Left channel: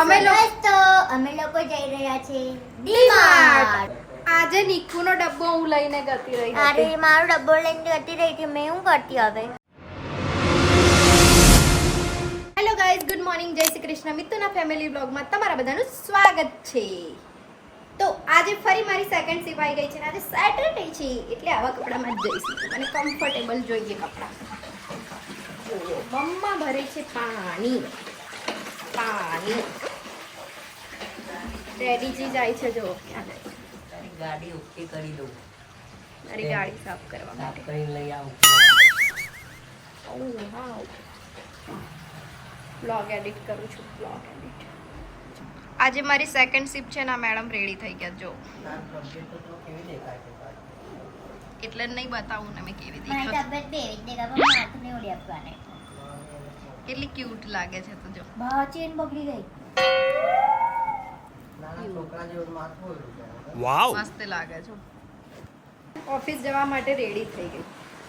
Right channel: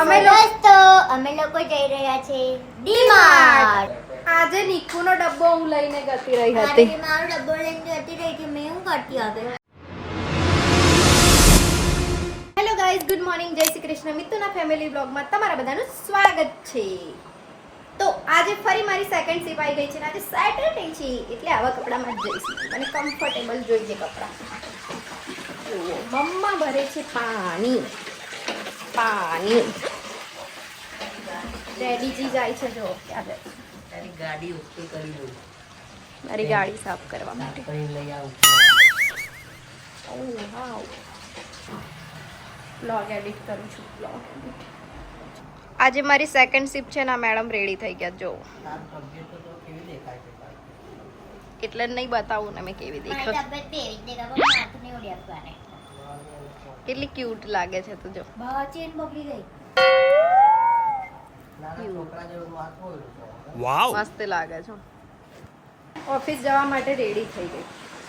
અમે લોકો જઈ રહ્યા છે ડીમાર્ટ. આજે નિકુનો ડબ્બો હું લઈને ગતી રહી હતી. અરે મારો ડબ્બો લઈને ગતી રહી હતી. મેં હું કરતી હવે. હેલો ગાઈઝ, ગુડ મોર્નિંગ, જય શ્રી કૃષ્ણ. મિત્તુના ફેમિલી વ્લોગમાં તમારા બધાનું સ્વાગત છે. તો આજે ફરી મારી સેકન્ડ સીપ આવી ગઈ છે ને આજે સેટરડે છે એટલે આવા કપડામાં જ જઈશું અને કમ્ફર્ટેબલ જોઈએ કપડા. મમ્મા ભરે છે પાણી. ડેડીજી જાય છે જો ક્યાં જાય. ગાડી ઉઠી કરી દઉં. મારી ગાડી સાફ કરવા માટે કરીને લઈ આવું. બ્લોગ એડિટ કરું છું. આજે મારી સેકન્ડ શિફ્ટ છે ને મેડમ રેડી થઈ ગયા જો. એટલે નહીં બતાવું ને મેં કેવી દેખાય. કેટલી ક્યુટ લાગે છે તો જો. ચેન બગડી ગઈ. વાવ, મસ્ત લાગે છે. ઓફિસ જવા માટે રેડી થઈ ગઈ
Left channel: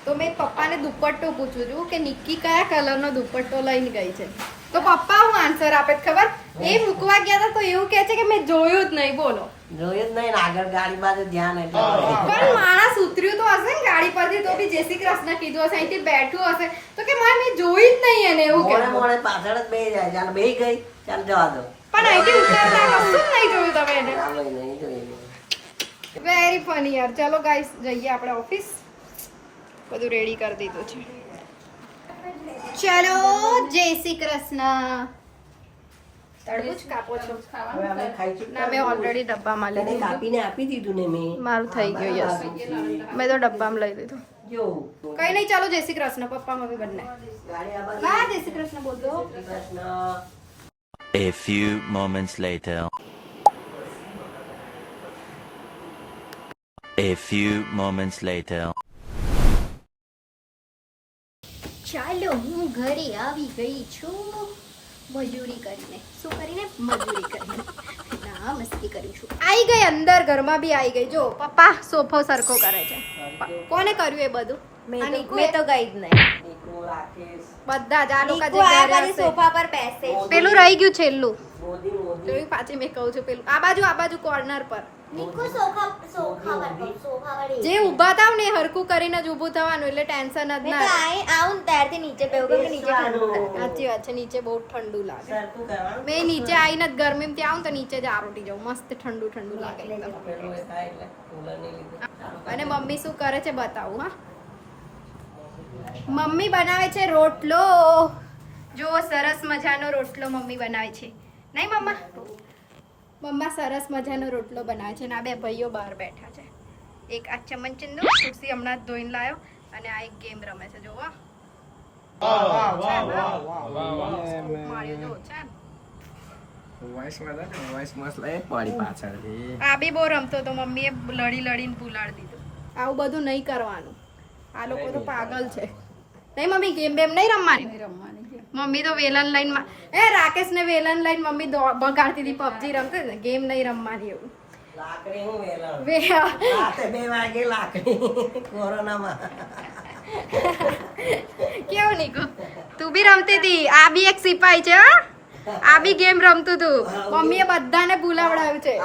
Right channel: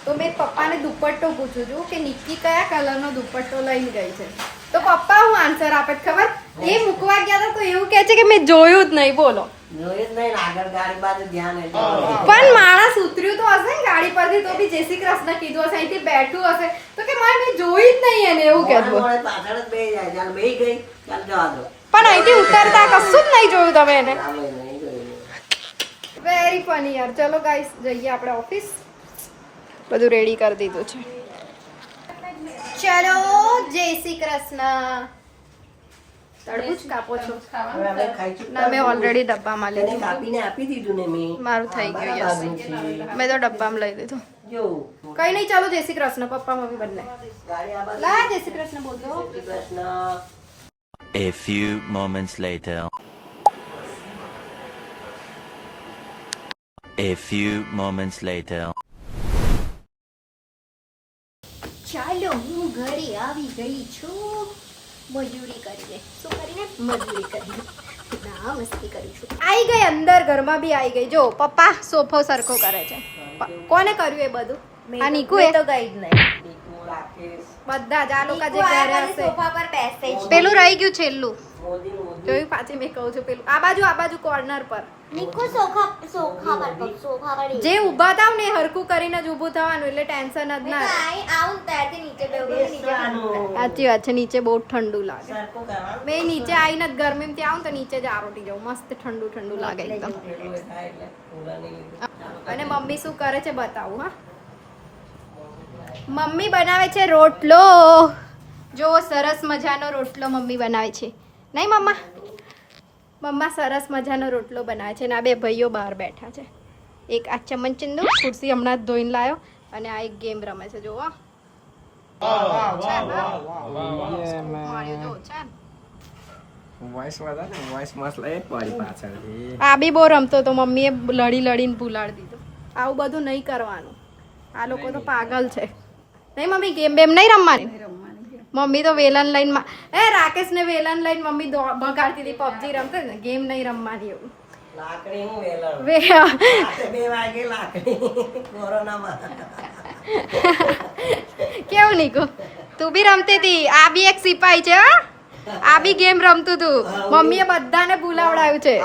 તો મેં પપ્પાને દુપટ્ટો પૂછું છું કે નિક્કી કયા કલરનો દુપટ્ટો લઈને ગઈ છે. તો પપ્પા હું આન્સર આપે ખબર એ મૂકવા ગયા હતા તો એવું કહે છે કે મેં જોયું જ નહીં. બોલો, જોયું જ નહીં. આગળ ગાડી બાજુ ધ્યાન એટલે પણ માણસ ઉતર્યું તો હશે ને ગાડી પરથી તો બી જય શ્રી કૃષ્ણ કીધું હશે, અહીંથી બેઠું હશે તો કે મેં જોઈ જ નહીં એને એવું કહેતું. પાછળ જ બેહી જાય. ચાલ બેહી ગઈ, ચાલ જવા દો. પણ અહીંથી ઉતરતા કશું જ નહીં જોયું તમે એને. નહીં જોયું. વેરી ફની યાર. ચલો ગાઈસ જઈએ આપણે ઓફિસ. બધું રેડી કરી દીધું છે. ચલો, જય શ્રી કૃષ્ણ. તરબૂચ કાપો છો? ના, મેં ઓલરેડી ડબ્બામાં લઈ લીધું. કાપીને આપી દીધું ને મેં. મારું થઈ ગયું. મેં તો ડબ્બામાં લઈ લીધું. જો કઈ નહીં, ચાલો જય શ્રી કૃષ્ણ. પપ્પા મમ્મી બંને લા જય શ્રી કૃષ્ણ બોલતો. A few moments later. A few moments later. ચાલો, હું ઘરે આવી ગઈ છું. મજૂરી કરીને. શું કરીને? મજૂરી કરીને. ના, મસ્તી કરું છું. આવી ગઈ અંદર, ઘરમાં બી આવી ગઈ. જો પપ્પા સોફો સરખો કરે છે. કોને કર્યું એ બધું? આ નીકુ તો ગઈ જ નહીં. બધા જ આ લોકો જે ઘરે હશે સોફા પર બેસે. પેલું રહી ગયું છેલ્લું. જોયું પાછી મેં કહું છું પેલું આ બાજુ કોર્નર પર. જે ઊભા થાવ ને હરકું કરીને જ ઊભું થવાનું એટલે ટેન્શન જ ના રહે. સાચી વાત છે. નીચે બહુ ઠંડુ લાગે. મેં નીચે આવીને જ ગરમીમાં આવું તો નીચે જ આરોટી જાઉં. મસ્ત ઠંડુ ઠંડુ લાગે એકદમ. અને મમ્મી શું કરે છે બતાવું. હા, મમ્મી બનાવે છે રોટલો. જો સરસ મજાનો રોટલો મમ્મી બનાવે છે. નહીં મમ્મા? મમ્મા સરસ મજાનો રોટલો બનાવે છે. અને આ બે ભાઈઓ બહાર બેઠા છે. એક આ ચમચંદો ખુરશી હમણાં જ ધોઈને લાવ્યો અને આ એક ગેમ રમે છે. જોવા આ બી બહુ રમતો તો મમ્મીએ લડીને ભૂલાડી દીધું. આવું બધું નહીં કરવાનું. આ લોકો તો પાગલ છે. નહીં મમ્મી, ગેમ બેમ નહીં રમવાની. મમ્મી તો વેલન લઈને રાકેશ ને વેલન લઈને મમ્મી બગાડતી હતી. પબજી રમતે ને. ગેમ નહીં રમવાની એવું. કેવું નીકુ? તું બી રમતી હતી. આ બી એક સિપાઈ છે. આ બી ગેમ રમતું તું. મમ્મીએ બધાને ભૂલાવડાવ્યું છે.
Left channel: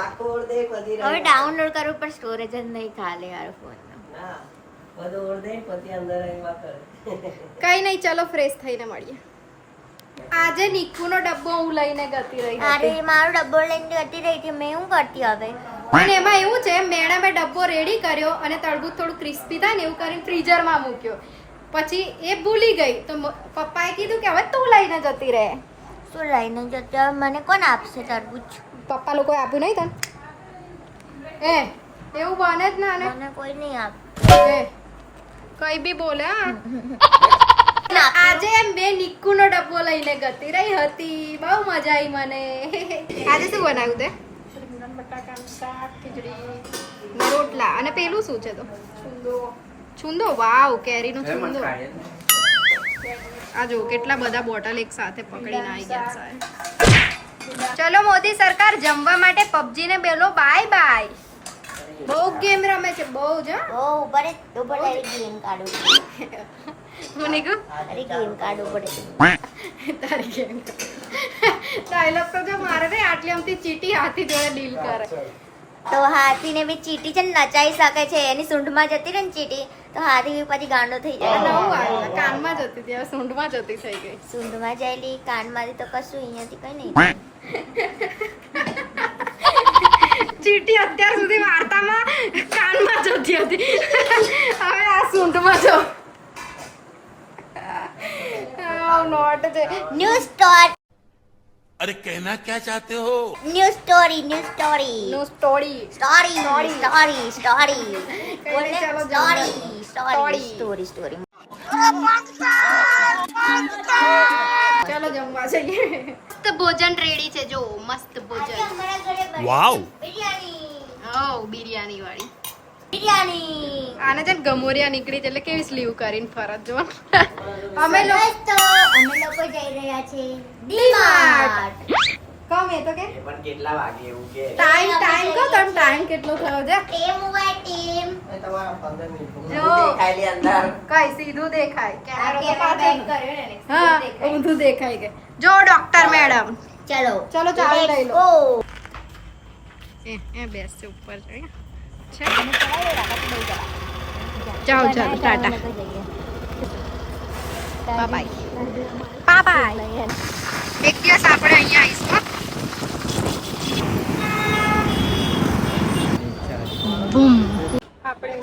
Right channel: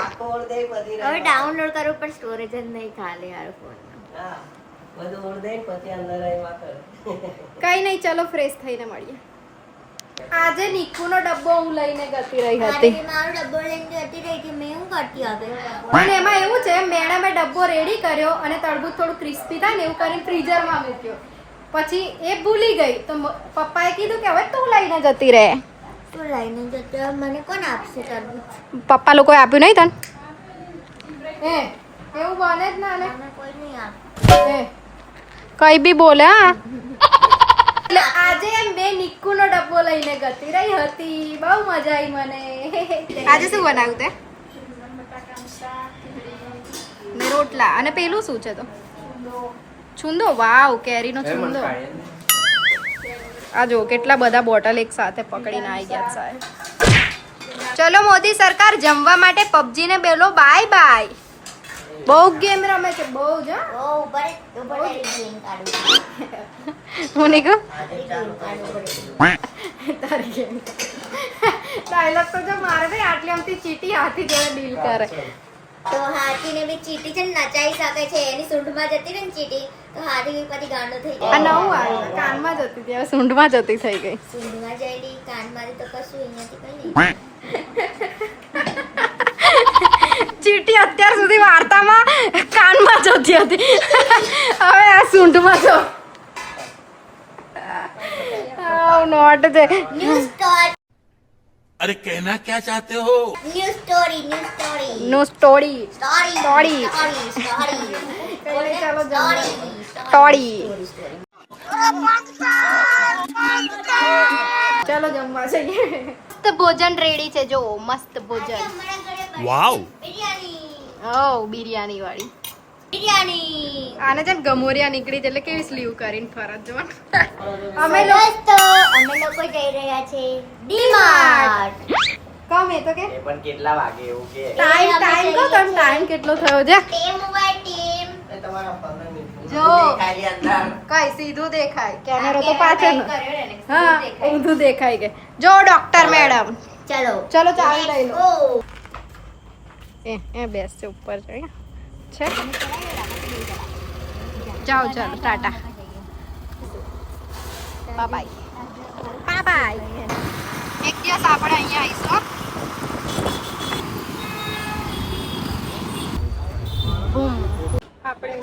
હવે ડાઉનલોડ કરવું પણ સ્ટોરેજ જ નહીં ખાલે યાર ફોન. કઈ નહીં, ચલો ફ્રેશ થઈને મળીએ. આજે નિકુનો ડબ્બો હું લઈને ગતી રહી હતી. અરે મારો ડબ્બો લઈને ગતી રહી હતી. મેં હું કરતી હવે. પણ એમાં એવું છે મેડમે ડબ્બો રેડી કર્યો અને તરબૂચ થોડું ક્રિસ્પી થાય ને એવું કરીને ફ્રીઝરમાં મૂક્યો. પછી એ ભૂલી ગઈ તો પપ્પાએ કીધું કે હવે તું લઈને જતી રહે. તું લઈને જતી? મને કોણ આપશે તરબૂચ? પપ્પા લોકોએ આપ્યું નહીં તને? એવું બને જ ના. કોઈ નહીં આપે. કઈ બી બોલે. હા, આજે બે નિક્કુનો ડબ્બો લઈને ગતી રહી હતી. બહુ મજા આવી મને. આજે શું બનાવ્યું તે? ને રોટલા. અને પેલું શું છે તો? છુંદો. વાવ, કેરીનો છુંદો. આ જો કેટલા બધા બોટલ એક સાથે પકડીને આવી ગયા સાહેબ. ચલો મોદી સરકાર જમવા માટે પબજી ને બેલો બાય બાય. બહુ ગેમ રમે છે. બહુ જ. હું નહીં કહું તારી ગેમ ડાયલોગ તો જો મારે ને આટલી આમથી ચીટી હાથી જોડે ડીલ કરે. તો હાથીને બી ચીટી છે ને નચાઈ શકે છે. એની સૂંઢમાં જતી રહે ને ચીટી તો હાથી બી પછી ગાંડો થઈ આ જાય. નવું આવ્યું કાનમાં જતી ત્યારે સૂંઢમાં જતી થઈ ગઈ. સૂંઢમાં જાયેલી કાનમાંથી તો કશું અહીંયાથી કઈ નહીં. ચીટી અત્યાર સુધી વાર્તામાં કાનમાં જતી હતી હવે આ સૂંઢમાં જો નોટ છે ન્યૂ સ્ટોરી अरे कहना क्या चाहते हो new story new story no story story Story. Story story કઈ નહીં, ચાલો જમવા. Story Story. સ્ટોરી ચાલો જમવા જઈએ. મસ્ત ભોજન રેડી છે જો મસ્ત ભોજન. वाओ બિરયાની ઓ બિરયાની વાળી. બિરયાની આને છે ને ગમોરિયા નીકળી છે એટલે કેવી સ્લીવ કરીને ફરજ જો અમે લોકો તો અમે લોકો જઈ રહ્યા છે ડીમાર્ટ. કમ એ તો કે પણ કેટલા વાગે એવું કે ટાઈમ કહો તમે ટાઈમ કેટલો થયો છે ટીમ વાય ટીમ એ તમારા 15 મિનિટ જો. દેખાયલી અંદર કઈ સીધું દેખાય કેમેરો તો પાછળ હા ઊંધું દેખાય કે જો ડોક્ટર મેડમ ચલો ચલો ચાવી લઈ લો ઓ એ બેસ છે ઉપર છે જાઓ ચાલો ટાટા બાય બાય એક દિવસ આપણે અહીંયા આવીશું બૂમ આપણે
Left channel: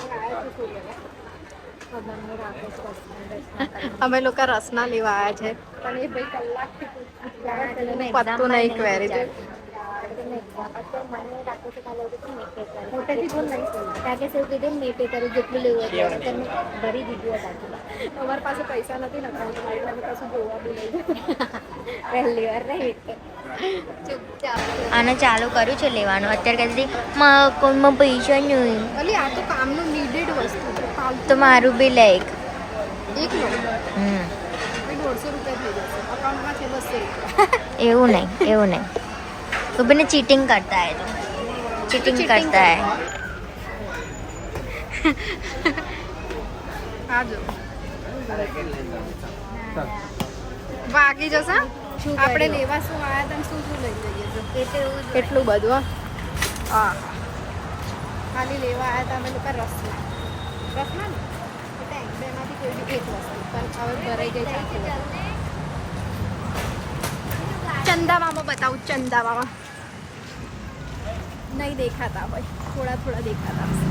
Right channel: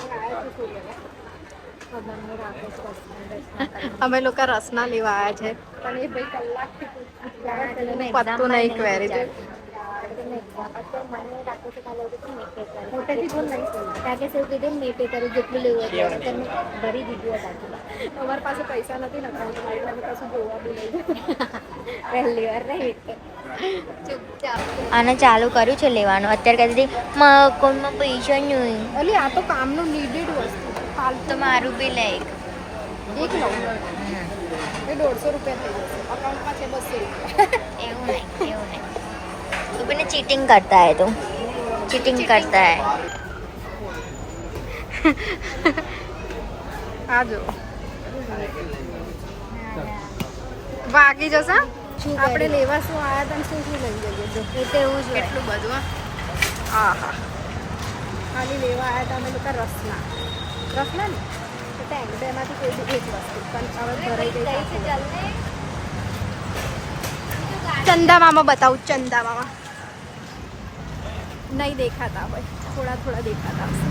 અમે લોકો રસના લેવા આવ્યા છે પણ એ ભાઈ કલાકથી પત્તું નહીં ક્વેરી છે અમારી પાસે પૈસા નથી ને કશું જોવા બી નહીં પહેલી વાર નહીં ચૂપચાપ આને ચાલુ કર્યું છે લેવાનું. અત્યારે કહેતી મારા અકાઉન્ટમાં પૈસા નહીં અલી આ તો કામનું નીડેડ વસ્તુ છે ફાલતુ તો મારું બી લે એક. એક લો એ 150 રૂપિયા થઈ જશે અકાઉન્ટમાં છે 200 રૂપિયા એવું નહીં तो बिना चीटिंग करता है तो चीटिंग करता है. આ જો વાગી જશે આપણે લેવા શું આયા તને શું શું લઈ જઈએ જો કેટલું બધું હો. હા ખાલી લેવા આયા હતા અમે લોકો રસના ને ટેન્ક બેમાંથી કોઈ બી એક વસ્તુ પણ હવે ભરાઈ ગઈ ચાખું ચંદા મામા બતાવું ચંદા મામા નહીં દેખાતા હોય થોડા થોડા દેખાતા હશે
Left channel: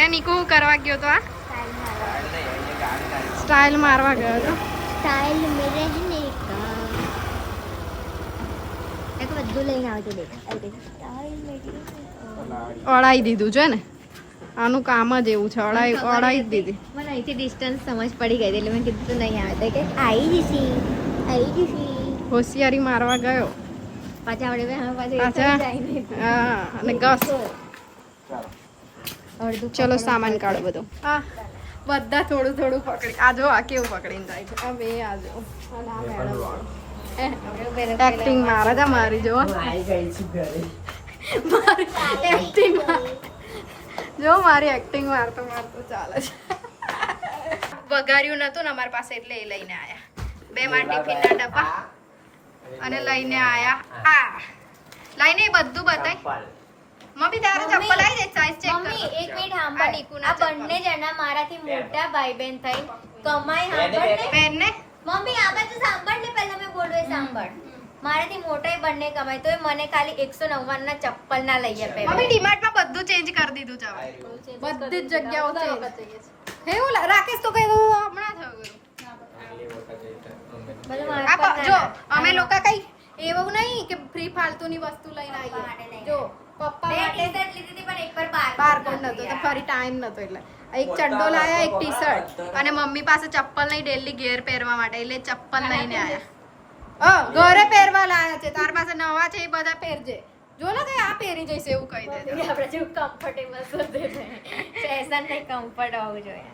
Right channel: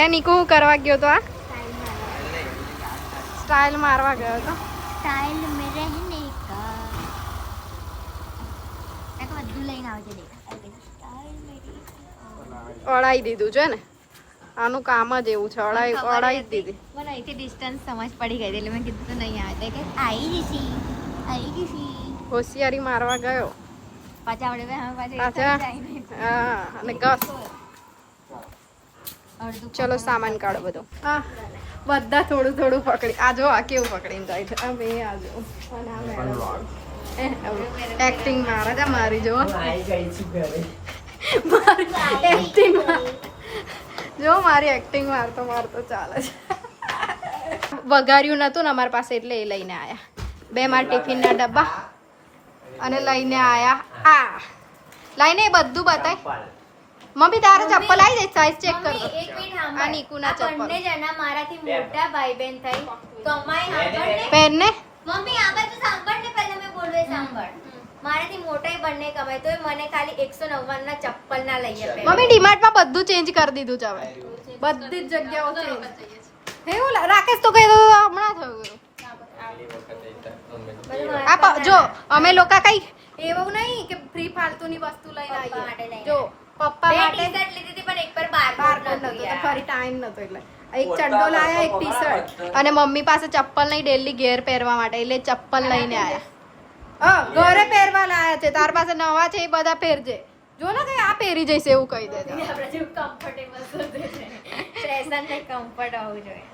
એ નીકુ હું કરવા ગયો તો આ સ્ટાઇલ મારવા ગયો તો સ્ટાઇલ મેરે જ નહીં એક બધું લઈને આવજો દેખા સ્ટાઇલ મેરી અડાઈ દીધું છે ને આનું કામ જ એવું છે અડાઈ જ દીધી મને અહીંથી ડિસ્ટન્સ સમજ પડી ગઈ એટલે મેં કીધું તું નહીં આવે કે આવી જશી હોશિયારી મારવા ગયો પાછા આવડે પાછા હા અને ગસ ચલો સામાન કાઢો બધું હા બધા થોડું થોડું પકડી આ જો આ કેવું પકડીને જાય છે આ બે આ જો અને આ મેડમ એક્ટિંગ મારે છે મારી જો હું આવી ગઈ છું ઘરે મારી એક્ટિંગ જો મારી એક્ટિંગ મારતો ચાલે છે વઘાર્યું નતું ને અમારી પાસે એટલે એ લઈને આયા બે માર ટિફિનના ડબ્બા અને લઈને આયા આ લઈને એ બધું બતાય મમ્મી તારે ચપ્પલ આવી જાય સાઈઝ ચેક કર આ નીકુના આ બંને જણા મારાથી મોટા ભાઈ બહેન થઈ કમાઈ સાંભળ પેન ને મમ્મી આ બાજુ સાંભળ ને પહેલા મેં બોલવે સાંભળ મારાથી મોટાઈ બંને કમાય તોય મને ખાલી 199 ના ચપ્પલ ના લઈ આપે મમ્મી ડીમાર્ટમાં બધું ચેન્જ કરી દીધું છે હવે બધી જ જગ્યાઓ ચેન્જ એવું રાકેશ તો કઈ હમણાં થયું બધું આ મારા જો અમે લોકો કઈ એવું નહીં કે ફ્રી ફાલતુની વસ્તુ લઈને આવીએ જો પપ્પા માટે લીધી હતી પણ એક પર બાર કોડ નતો તો ફરી ટાઈમ નતો એટલે એક ચડ્ડો લાયા એક ટી શર્ટ અને મમ્મી પાસે ચપ્પલ નહીં ડેલી ઘેર પહેરવા માટે એટલે ચપ્પલ લઈને આયા ઘરે પહેરવા લાયા છે તાર પાસે નવા છે એ બધા પહેરજે જો ને કઈ આ પહેરી જઈશ એવું કહી દે ફેશન ને કમ્ફર્ટ હોવું જોઈએ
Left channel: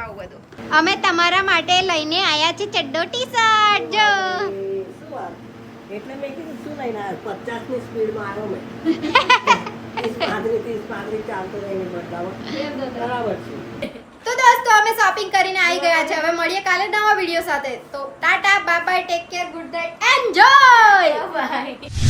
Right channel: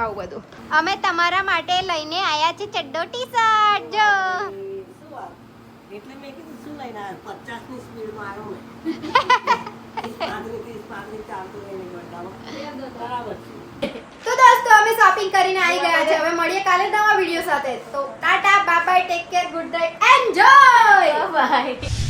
આવું બધું અમે તમારા માટે લઈને આયા છે ચડ્ડો ટી શર્ટ જો એટલે મેં કીધું શું લઈને આવ્યો 50 ની સ્પીડમાં આવ્યો મેં 30 35 ચાલતો રહીને બદલાવો બરાબર છે તો દોસ્તો અમે અમે શોપિંગ કરીને આવી ગયા છે. હવે મળીએ કાલે નવા વિડીયો સાથે. તો tata bye bye, take care, good night, enjoy. By.